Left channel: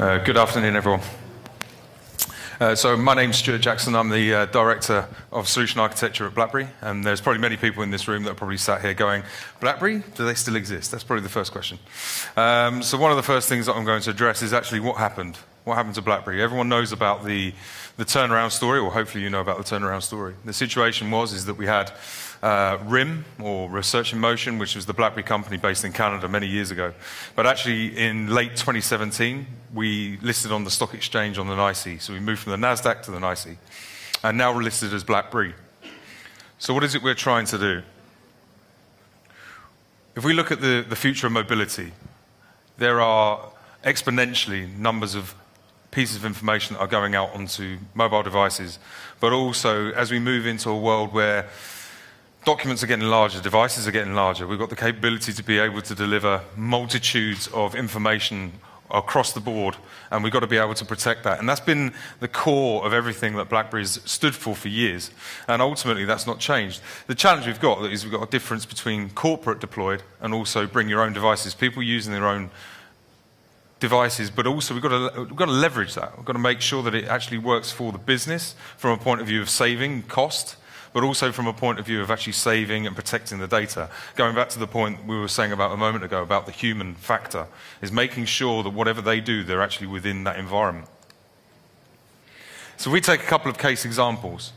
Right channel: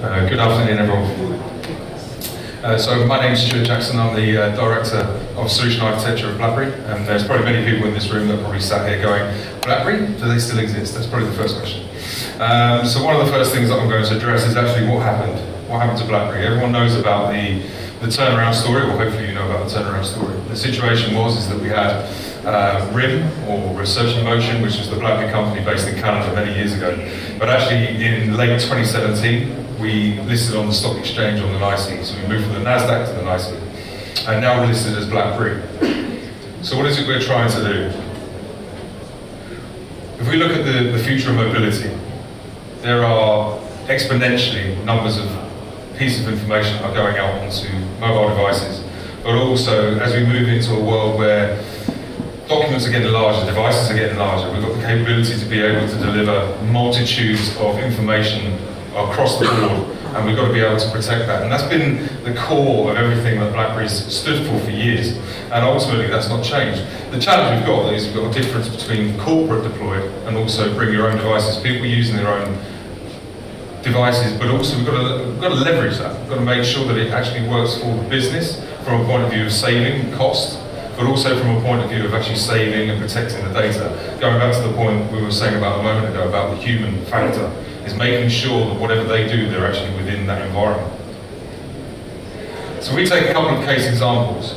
Good afternoon, everyone. So my name is Stuart Jackson. I'm the Director of Solution Architecture at BlackBerry, and there's probably many people in this room that are probably sat here going, BlackBerry, do they still exist? That's probably the first question. So one of the first things that I'm going to address is actually what happened. What happened to BlackBerry? Everyone knows about the turnaround story, or hopefully you know about the turnaround story. The situation was that we had RIM, or Research in Motion, which is the BlackBerry company based in Canada many years ago. But actually in late 2017, we listed on the stock exchange on the NYSE. So we moved from the NASDAQ to the NYSE. And now we're listed as BlackBerry. So what is it we're trying to do? If we look at the future of mobility, there are exponentially numbers of pieces of information that are going out onto mobile devices. But also, as we move into a world where documents are getting larger, devices are getting larger, we've got the capability to be able to deliver multitudes of information across the board, and we've got to be able to protect that. And that's been the core of everything that BlackBerry's stood for years, and ultimately that's not changed. The challenge we've got is we've got a difference between corporate deployed and also bring your own devices, people using their own devices, but also we've got to leverage that. We've got to make sure that it actually works for the business from a point of view of saving cost, but also from a point of view of actually saving and protecting the data. Going back to the point we were saying about a moment ago about the human factor, is making sure that whatever they do, they're actually within that environment. So we take a couple of case examples.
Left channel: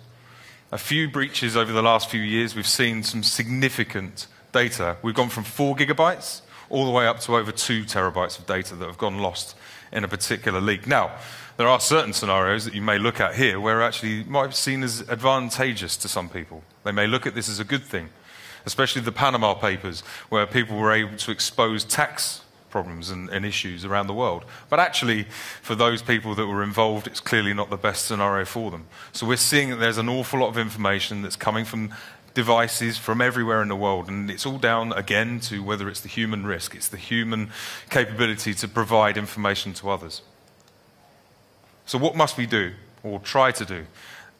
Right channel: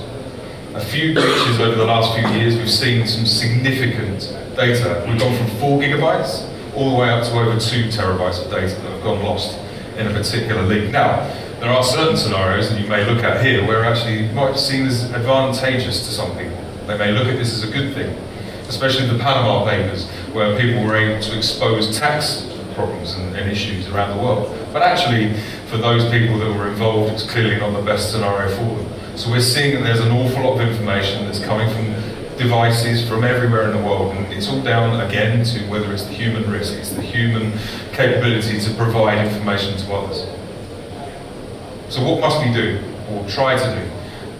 A few breaches over the last few years, we've seen some significant data. We've gone from 4 gigabytes all the way up to over 2 terabytes of data that have gone lost in a particular leak. Now, there are certain scenarios that you may look at here where actually it might be seen as advantageous to some people. They may look at this as a good thing, especially the Panama Papers, where people were able to expose tax problems and issues around the world. But actually, for those people that were involved, it's clearly not the best scenario for them. So we're seeing that there's an awful lot of information that's coming from devices from everywhere in the world, and it's all down again to whether it's the human risk, it's the human capability to provide information to others. So what must we do, or try to do?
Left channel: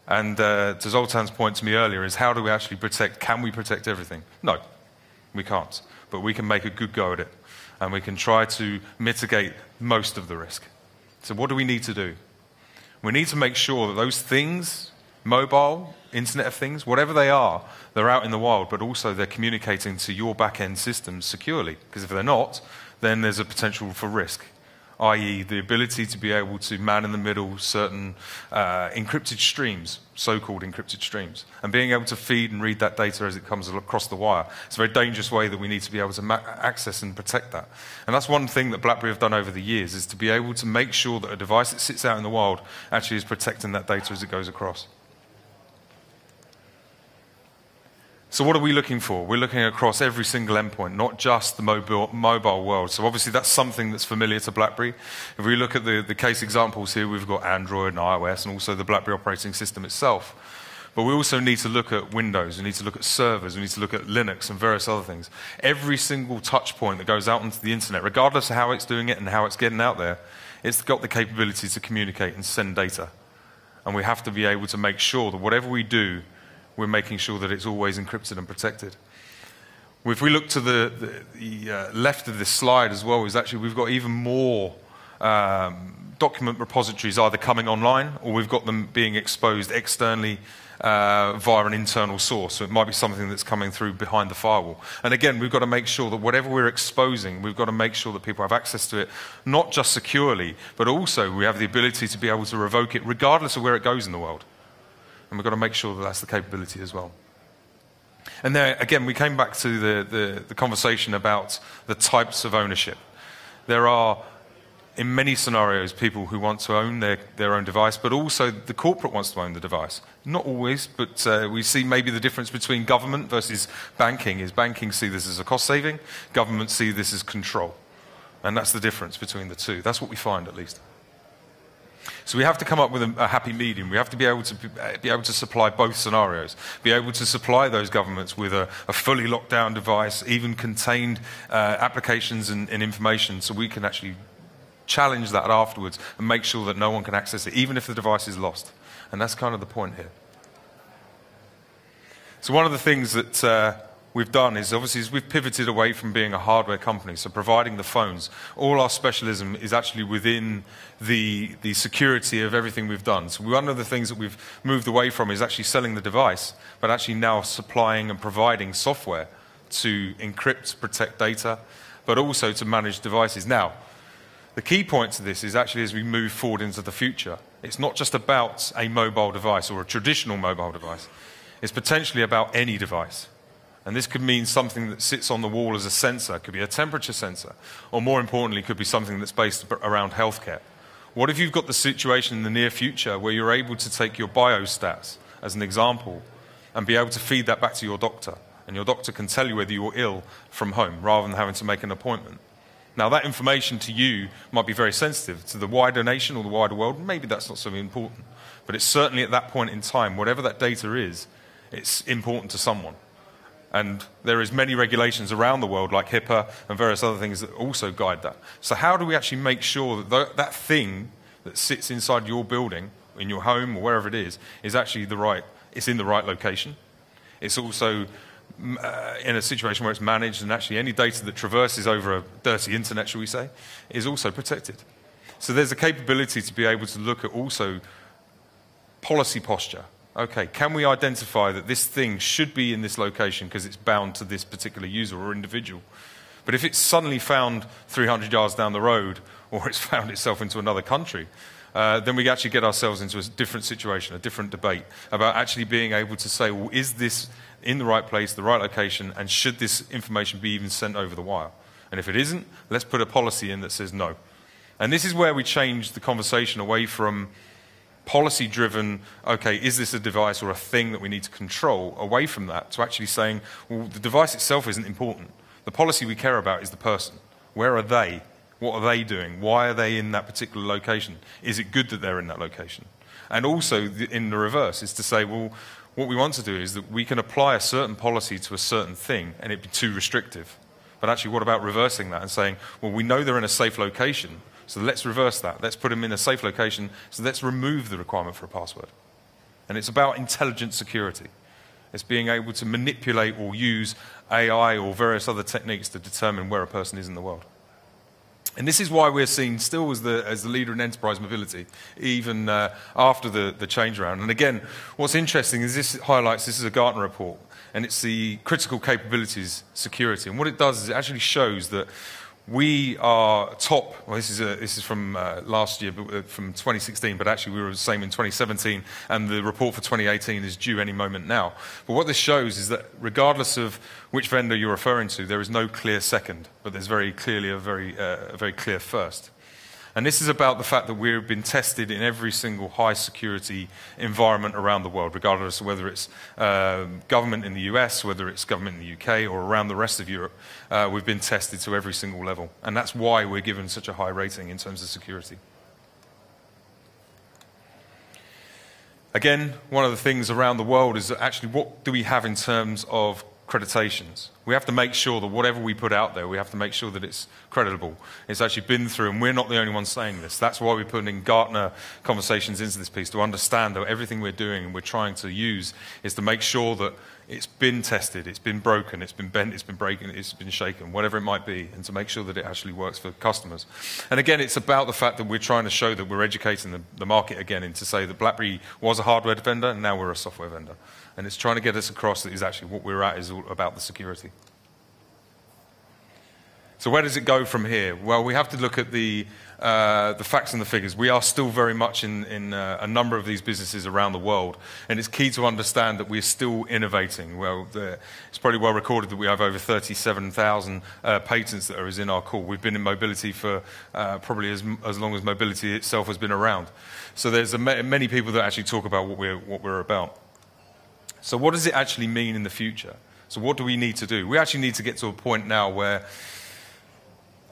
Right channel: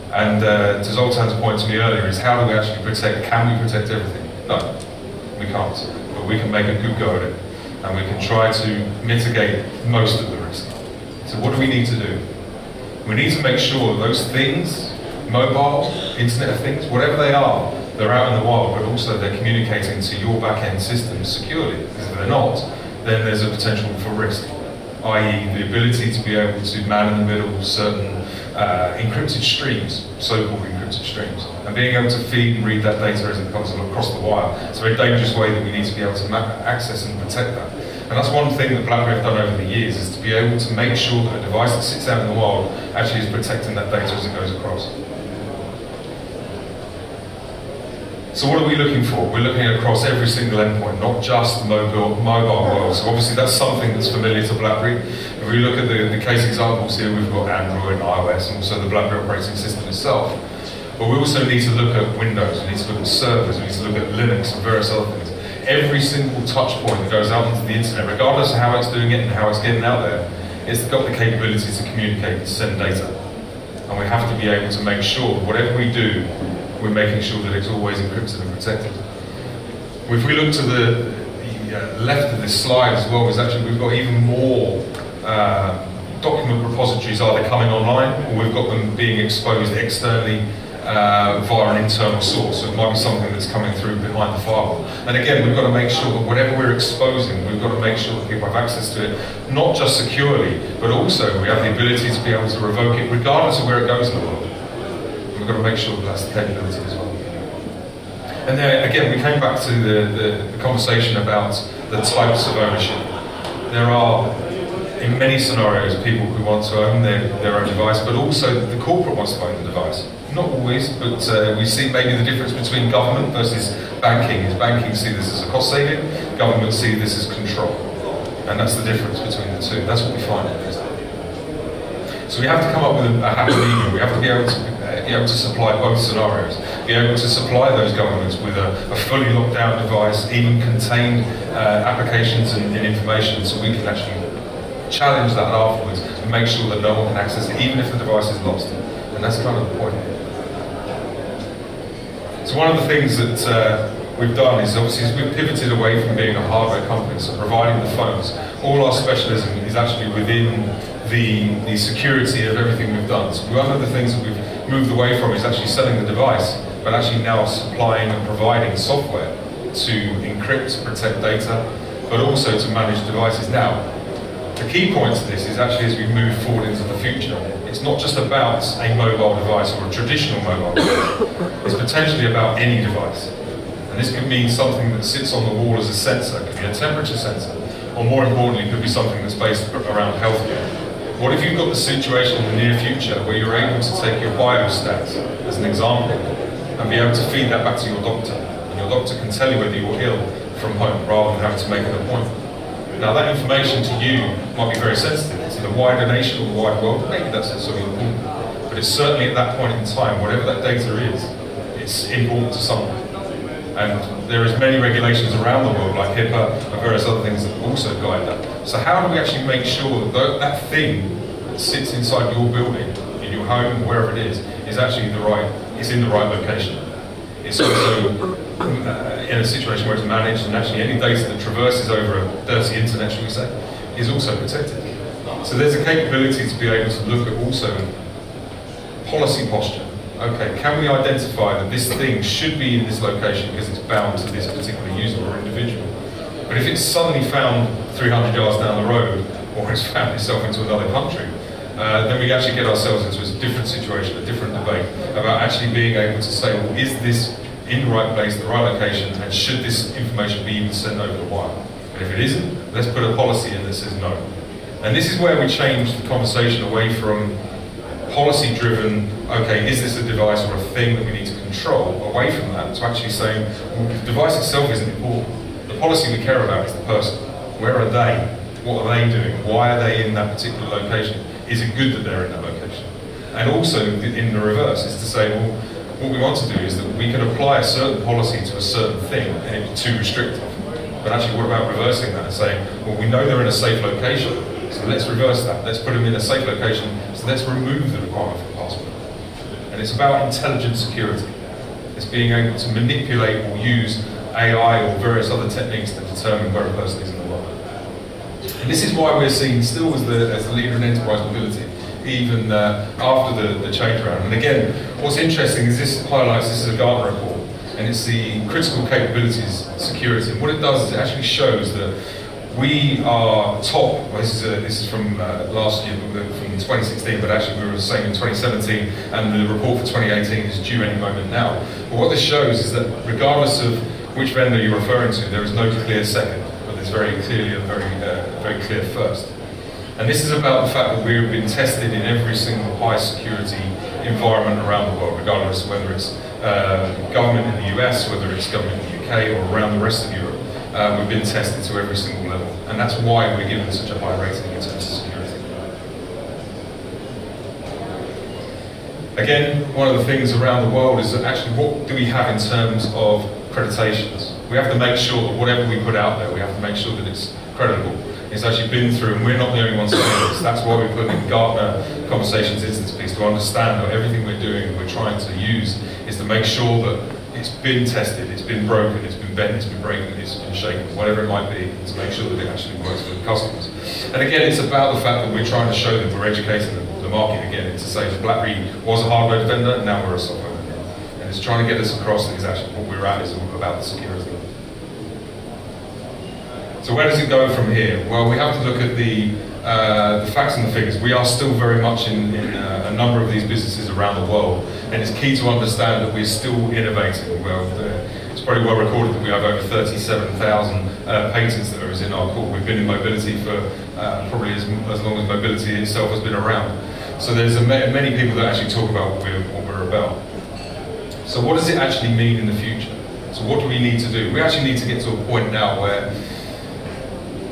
And to Zoltan's point to me earlier is how do we actually protect, can we protect everything? No, we can't, but we can make a good go at it. And we can try to mitigate most of the risk. So what do we need to do? We need to make sure that those things, mobile, Internet of Things, whatever they are, they're out in the wild, but also they're communicating to your back-end systems securely. Because if they're not, then there's a potential for risk, i.e. the ability to be able to man in the middle certain encrypted streams, so-called encrypted streams, and being able to feed and read that data as it comes across the wire. It's a very dangerous way that we need to be able to access and protect that. And that's one thing that BlackBerry have done over the years, is to be able to make sure that a device that sits out in the wild actually is protecting that data as it goes across. So what are we looking for? We're looking across every single endpoint, not just the mobile world. So obviously that's something that's familiar to BlackBerry. If we look at the case examples here, we've got Android, iOS, and also the BlackBerry operating system itself. But we also need to look at Windows, we need to look at servers, we need to look at Linux and various other things. Every single touch point that goes out into the internet, regardless of how it's doing it and how it's getting out there, it's got the capability to communicate and send data. And we have to be able to make sure that whatever we do, we're making sure that it's always encrypted and protected. If we look to the left of this slide as well, is actually we've got even more document repositories either coming online or we've got them being exposed externally via an internal source. So it might be something that's coming through behind the firewall. And again, we've got to make sure that whatever we're exposing, we've got to make sure that people have access to it, not just securely, but also we have the ability to be able to revoke it regardless of where it goes in the world. We've got to make sure that that's the capability as well. And then again, we came back to the conversation about the types of ownership. There are, in many scenarios, people who want to own their own device, but also the corporate wants to own the device. Not always, but we see maybe the difference between government versus banking. Is banking see this as a cost saving, government see this as control. And that's the difference between the two. That's what we find at least. So we have to come up with a happy medium. We have to be able to supply both scenarios. Be able to supply those governments with a fully locked down device, even contained applications and information, so we can actually challenge that afterwards and make sure that no one can access it, even if the device is lost. And that's kind of the point here. So one of the things that we've done is obviously we've pivoted away from being a hardware company, so providing the phones. All our specialism is actually within the security of everything we've done. So one of the things that we've moved away from is actually selling the device, but actually now supplying and providing software to encrypt, protect data, but also to manage devices. Now, the key point to this is actually as we move forward into the future, it's not just about a mobile device or a traditional mobile device, it's potentially about any device. And this could mean something that sits on the wall as a sensor, it could be a temperature sensor, or more importantly, it could be something that's based around healthcare. What if you've got the situation in the near future where you're able to take your biostats, as an example, and be able to feed that back to your doctor, and your doctor can tell you whether you're ill from home, rather than having to make an appointment. Now that information to you might be very sensitive. To the wider nation or the wide world, maybe that's not so important. But it's certainly at that point in time, whatever that data is, it's important to someone. And there is many regulations around the world, like HIPAA and various other things that also guide that. So how do we actually make sure that that thing that sits inside your building, in your home, wherever it is actually it's in the right location? It's also in a situation where it's managed, and actually any data that traverses over a dirty internet, shall we say, is also protected. So there's a capability to be able to look at also policy posture. Okay, can we identify that this thing should be in this location because it's bound to this particular user or individual? But if it's suddenly found 300 yards down the road, or it's found itself into another country, then we actually get ourselves into a different situation, a different debate about actually being able to say, well, is this in the right place, the right location, and should this information be even sent over the wire? And if it isn't, let's put a policy in that says no. And this is where we change the conversation away from policy-driven, okay, is this a device or a thing that we need to control, away from that, to actually saying, well, the device itself isn't important. The policy we care about is the person. Where are they? What are they doing? Why are they in that particular location? Is it good that they're in that location? And also, in the reverse, is to say, well, what we want to do is that we can apply a certain policy to a certain thing, and it'd be too restrictive. But actually, what about reversing that and saying, well, we know they're in a safe location, so let's reverse that. Let's put them in a safe location, so let's remove the requirement for a password. And it's about intelligent security. It's being able to manipulate or use AI or various other techniques to determine where a person is in the world. And this is why we're seeing still as the leader in enterprise mobility, even after the change around. And again, what's interesting is this is a Gartner report, and it's the critical capabilities security. And what it does is it actually shows that we are top. Well, this is from last year, from 2016, but actually we were saying in 2017, and the report for 2018 is due any moment now. But what this shows is that regardless of which vendor you're referring to, there is no clear second, but there's very clearly a very clear first. And this is about the fact that we've been tested in every single high security environment around the world, regardless of whether it's government in the US, whether it's government in the UK, or around the rest of Europe. We've been tested to every single level, and that's why we're given such a high rating in terms of security. Again, one of the things around the world is that actually what do we have in terms of accreditations? We have to make sure that whatever we put out there, we have to make sure that it's credible. It's actually been through, and we're not the only ones saying this. That's why we put in Gartner conversations into this piece, to understand that everything we're doing and we're trying to use is to make sure that it's been tested, it's been broken, it's been bent, it's been breaking, it's been shaken, whatever it might be, to make sure that it actually works for the customers. And again, it's about the fact that we're trying to show that we're educating the market again, to say that BlackBerry was a hardware vendor, and now we're a software vendor. And it's trying to get us across that actually what we're at is all about the security. So where does it go from here? Well, we have to look at the facts and the figures. We are still very much in a number of these businesses around the world, and it's key to understand that we're still innovating. Well, it's probably well recorded that we have over 37,000 patents that are in our court. We've been in mobility for probably as long as mobility itself has been around. So there's many people that actually talk about what we're about. So what does it actually mean in the future? So what do we need to do? We actually need to get to a point now where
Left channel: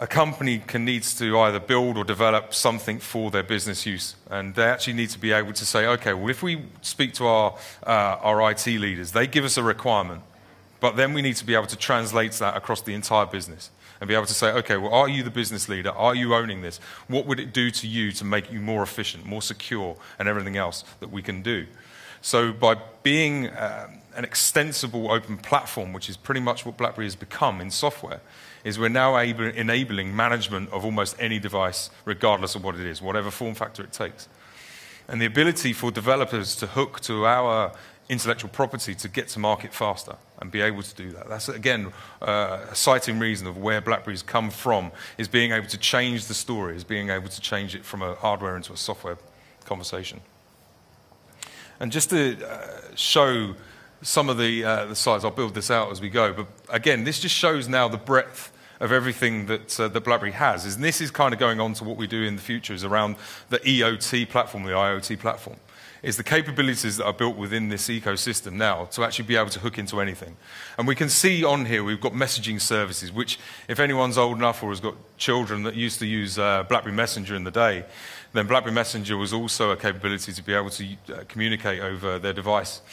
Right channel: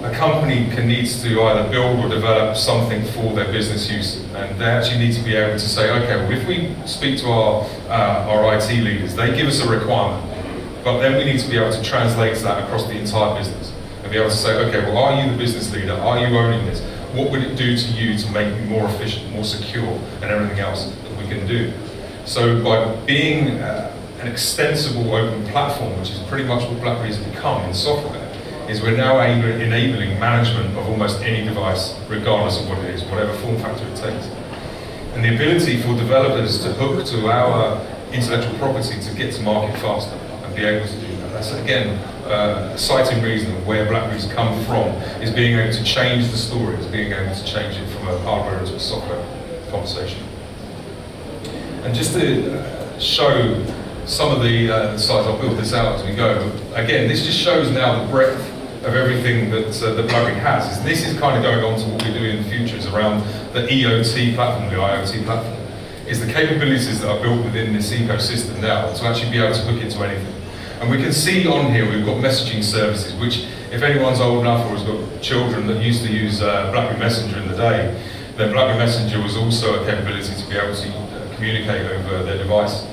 a company needs to either build or develop something for their business use, and they actually need to be able to say, okay, well, if we speak to our IT leaders, they give us a requirement, but then we need to be able to translate that across the entire business and be able to say, okay, well, are you the business leader? Are you owning this? What would it do to you to make it more efficient, more secure, and everything else that we can do? So by being an extensible open platform, which is pretty much what BlackBerry's become in software, is we're now enabling management of almost any device, regardless of what it is, whatever form factor it takes. And the ability for developers to hook to our intellectual property to get to market faster and be able to do that. That's, again, a citing reason of where BlackBerry's come from, is being able to change the stories, being able to change it from a hardware into a software conversation. And just to show some of the sites, I'll build this out as we go. Again, this just shows now the breadth of everything that BlackBerry has. This is kind of going on to what we do in the future, is around the EOT platform, the IoT platform. Is the capabilities that are built within this ecosystem now to actually be able to hook into anything. And we can see on here we've got messaging services, which if anyone's old enough or has got children that used to use BlackBerry Messenger in the day, then BlackBerry Messenger was also a capability to be able to communicate over their device.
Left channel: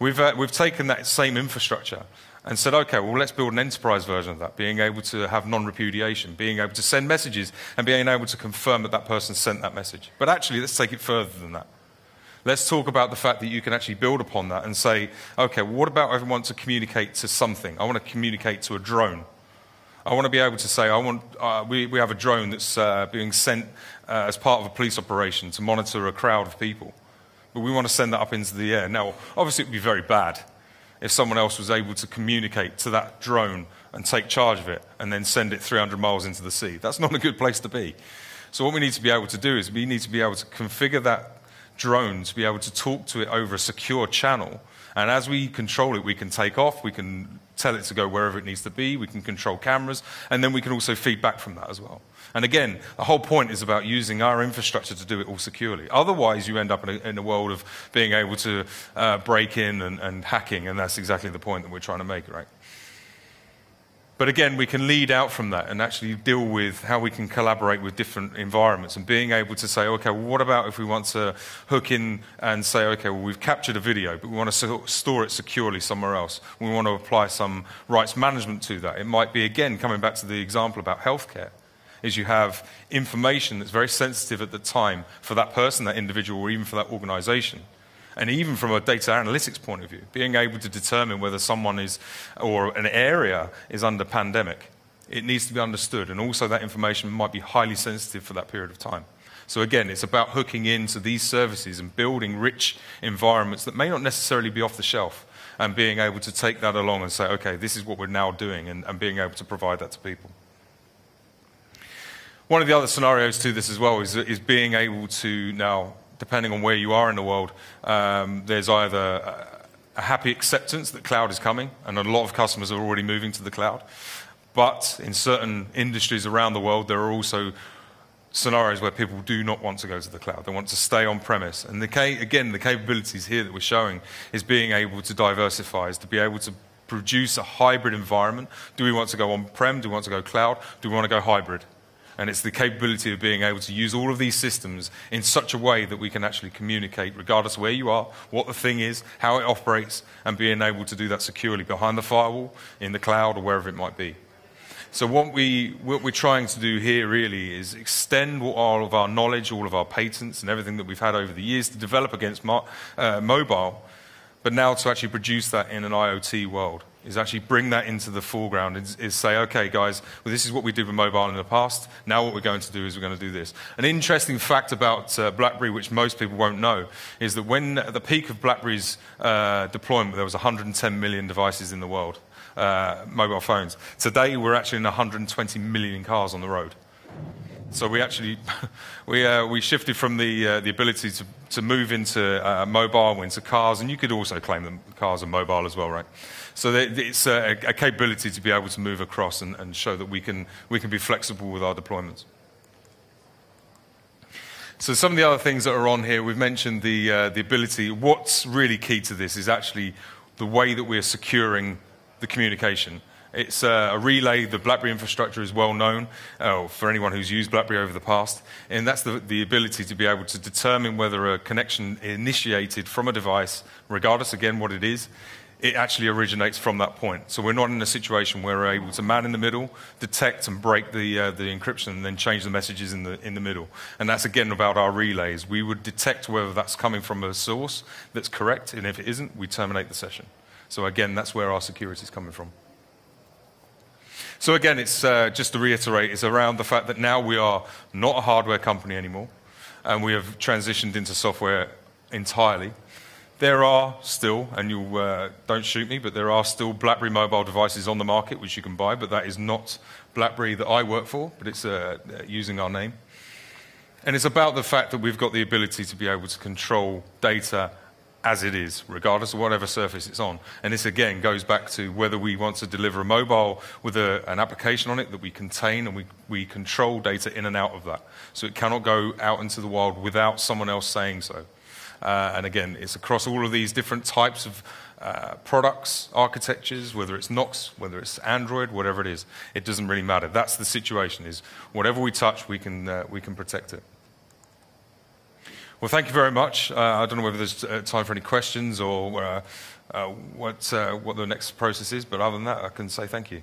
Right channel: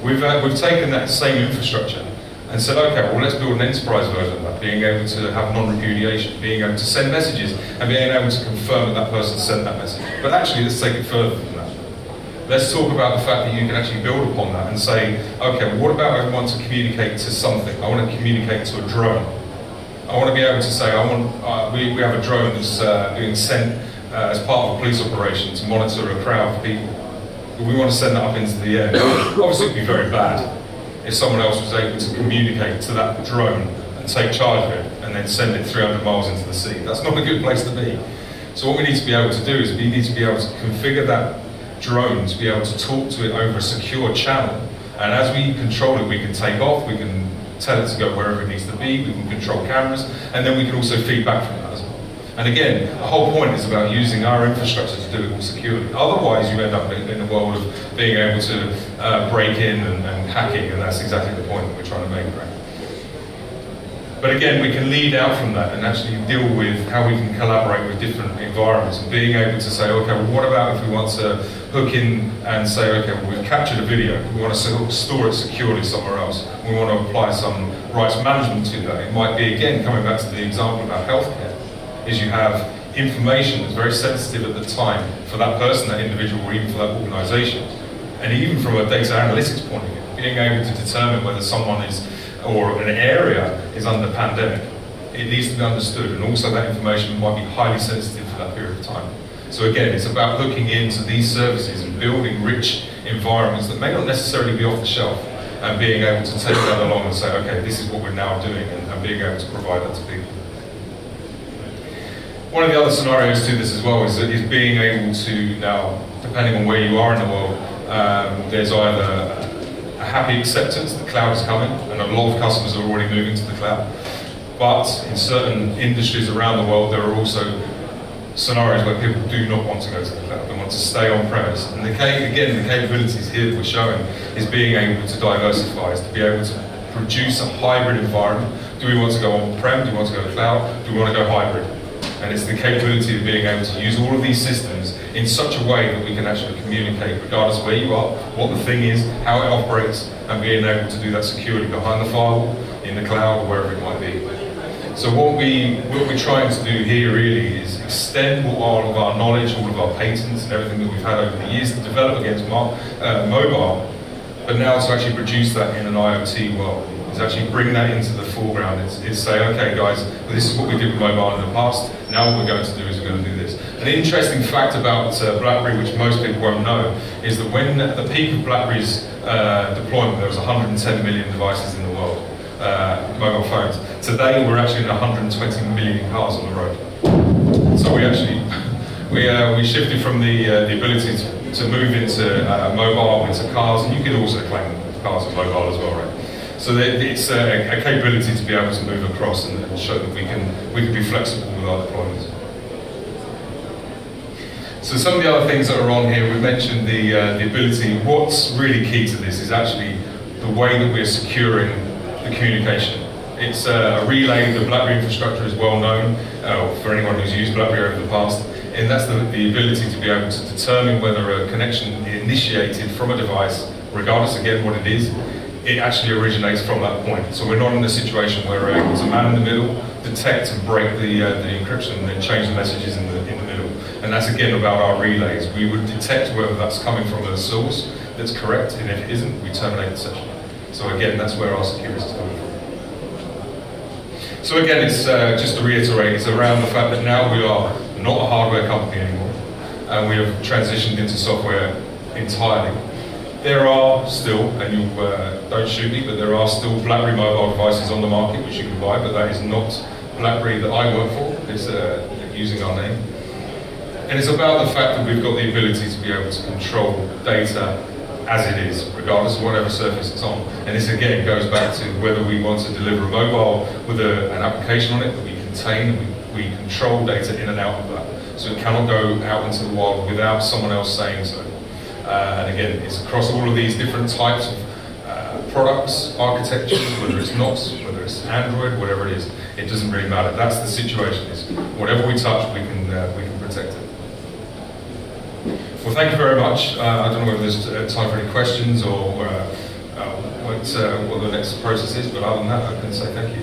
We've taken that same infrastructure and said, okay, well, let's build an enterprise version of that, being able to have non-repudiation, being able to send messages and being able to confirm that that person sent that message. But actually, let's take it further than that. Let's talk about the fact that you can actually build upon that and say, okay, what about I want to communicate to something? I want to communicate to a drone. I want to be able to say, we have a drone that's being sent as part of a police operation to monitor a crowd of people. But we want to send that up into the air. Obviously, it would be very bad if someone else was able to communicate to that drone and take charge of it and then send it 300 miles into the sea. That's not a good place to be. So what we need to be able to do is we need to be able to configure that drone to be able to talk to it over a secure channel. And as we control it, we can take off, we can tell it to go wherever it needs to be, we can control cameras, and then we can also feed back from that as well. And again, the whole point is about using our infrastructure to do it all securely. Otherwise, you end up in a world of being able to break in and hacking, and that's exactly the point that we're trying to make, right? But again, we can lead out from that and actually deal with how we can collaborate with different environments and being able to say, okay, well, what about if we want to hook in and say, okay, well, we've captured a video, we want to store it securely somewhere else, we want to apply some rights management to that. It might be, again, coming back to the example about healthcare, is you have information that's very sensitive at the time for that person, that individual, or even for that organization. And even from a data analytics point of view, being able to determine whether someone is, or an area is under pandemic, it needs to be understood, and also that information might be highly sensitive for that period of time. So again, it's about looking into these services and building rich environments that may not necessarily be off the shelf, and being able to take that along and say, okay, this is what we're now doing, and being able to provide that to people. One of the other scenarios to this as well is being able to now, depending on where you are in the world, there's either a happy acceptance that the cloud is coming, and a lot of customers are already moving to the cloud. But in certain industries around the world, there are also scenarios where people do not want to go to the cloud. They want to stay on premise. And again, the capabilities here that we're showing is being able to diversify, is to be able to produce a hybrid environment. Do we want to go on-prem? Do we want to go cloud? Do we want to go hybrid? And it's the capability of being able to use all of these systems in such a way that we can actually communicate, regardless of where you are, what the thing is, how it operates, and being able to do that securely behind the firewall, in the cloud, or wherever it might be. So what we're trying to do here really is extend all of our knowledge, all of our patents, and everything that we've had over the years to develop against mobile, but now to actually produce that in an IoT world. Is actually bring that into the foreground. It's say, okay guys, well, this is what we did with mobile in the past, now what we're going to do is we're going to do this. An interesting fact about BlackBerry, which most people won't know, is that when at the peak of BlackBerry's deployment, there was 110 million devices in the world, mobile phones. Today we're actually in 120 million cars on the road. So we actually, we shifted from the ability to move into mobile, into cars, and you could also claim cars and mobile as well, right? So it's a capability to be able to move across and show that we can be flexible with our deployments. So some of the other things that are on here, we mentioned the ability. What's really key to this is actually the way that we're securing the communication. It's a relay. The BlackBerry infrastructure is well known for anyone who's used BlackBerry over the past, and that's the ability to be able to determine whether a connection is initiated from a device, regardless again what it is. It actually originates from that point. So we're not in a situation where we're able to man in the middle, detect and break the encryption, and then change the messages in the middle. And that's again about our relays. We would detect whether that's coming from a source that's correct, and if it isn't, we terminate the session. So again, that's where our security is coming from. So again, it's just to reiterate, it's around the fact that now we are not a hardware company anymore, and we have transitioned into software entirely. There are still, and you don't shoot me, but there are still BlackBerry mobile devices on the market which you can buy, but that is not BlackBerry that I work for. It's using our name. And it's about the fact that we've got the ability to be able to control data as it is, regardless of whatever surface it's on. And this again goes back to whether we want to deliver a mobile with an application on it that we contain, we control data in and out of that. So it cannot go out into the world without someone else saying so. And again, it's across all of these different types of products, architectures, whether it's NOS, whether it's Android, whatever it is, it doesn't really matter. That's the situation. Is whatever we touch, we can protect it. Well, thank you very much. I don't know whether there's time for any questions or what the next process is, but other than that, I can say thank you.